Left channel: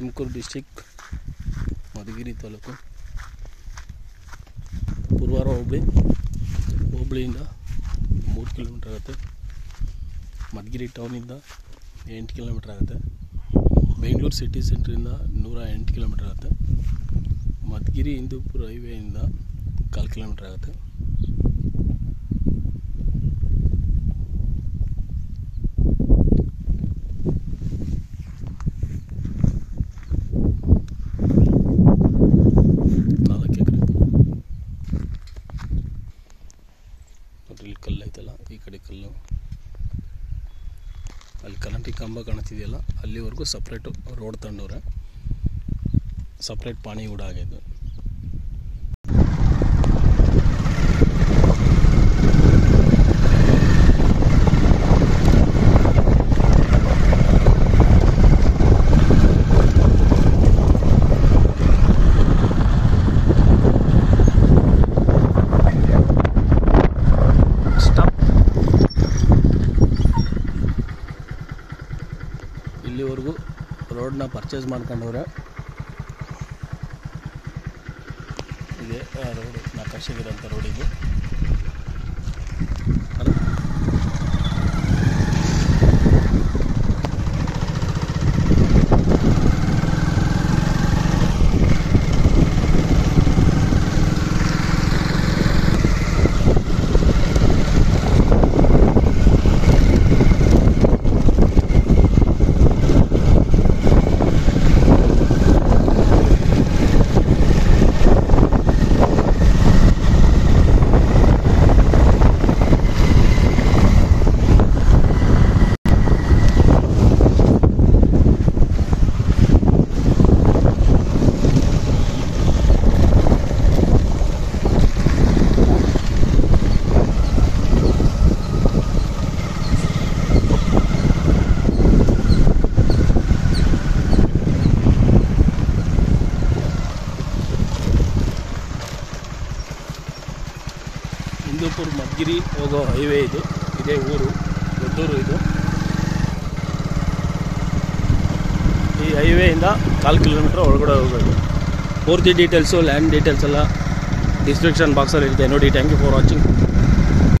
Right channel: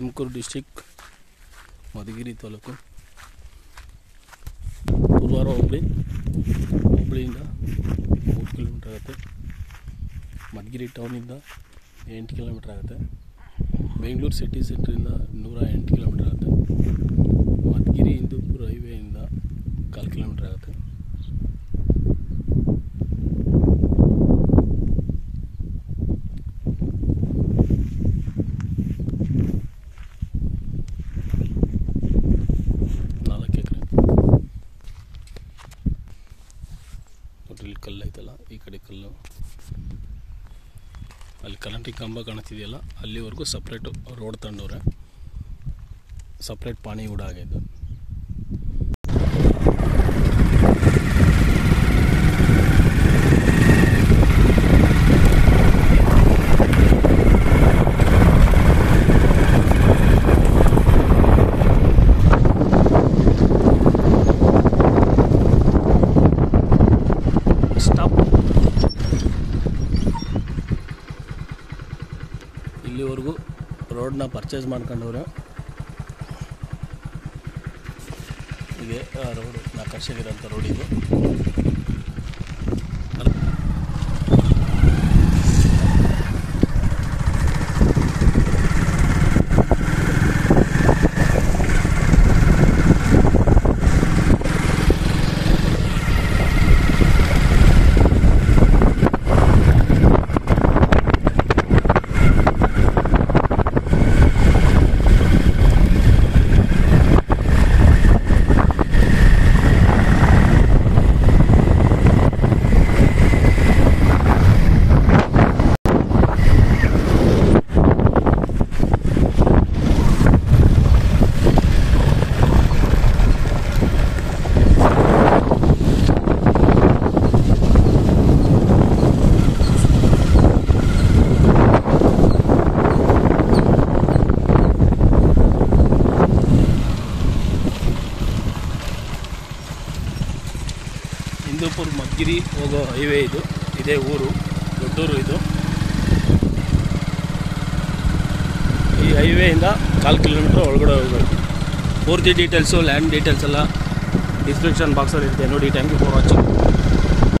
Tumakuru district Madhugiri taluk ಪುರವಾರ ಹೋಬಳಿಯಿಂದ 3 kilometre ಆಗುತ್ತೆ. Madhugiri ಟೌನಿಂದ 8 kilometre ಆಗುತ್ತೆ. Bengaluru city ಸೆಂಟ್ರಿಂದ 108 kilometre ಆಗುತ್ತೆ. ಮಧುಗಿರಿ ಹಿಂದೂಪುರ ಹೈವೇಯಿಂದ 1/4 ಕಿಲೋಮೀಟರ್ ಆಗುತ್ತೆ. ಇಲ್ಲಿ ಕಲ್ಲು ಐತಲ್ಲ, ಈ ಕಡೆ ಕಲ್ಲು, ಅಲ್ಲಿ ಕರೆಂಟಿಗೆ ಕಂಬ ಕಾಣ್ತಿದೆಯಲ್ಲ, ಅಲ್ಲಿವರೆಗೂ ಸಪ್ರೇಟ್ ರೋಡ್ ತಂಡವ್ರೆ, ಸಪ್ರೇಟ್ ಪಾಣಿ ಕೂಡ ಆಗಿದ್ದು. ಇಲ್ಲಿವರೆಗೂ ರೋಡ್ನ ಪರ್ಚೇಸ್ ಮಾಡ್ಕೊಂಡವ್ರೆ. ಇದೆ ರೋಡ್, ನಕಾಶೆಗಿರೋಂಥ ರೋಡ್ ಇದು. ಹಿಂದೂಪುರ ಮಧುಗಿರಿ ಹೋಗೋ ಹೈವೇ ಇದು. ಇದೇ ಊರು, ದೊಡ್ಡೂರು ಇದು. ಈ ಹೈವೇಯಿಂದ 1/4 ಕಿಲೋಮೀಟ್ರ್ ಒಳಗಡೆ ಹೋಗಬೇಕು. ಪೂರ್ತಿ ಡೀಟೇಲ್ಸು, ಲ್ಯಾಂಡ್ ಡೀಟೇಲ್ಸ್ ಎಲ್ಲ ಡಿಸ್ಕ್ರಿಪ್ಷನ್ ಬಾಕ್ಸಲ್ಲಿ ಇರುತ್ತೆ ನೋಡಿ. Thank you for watching.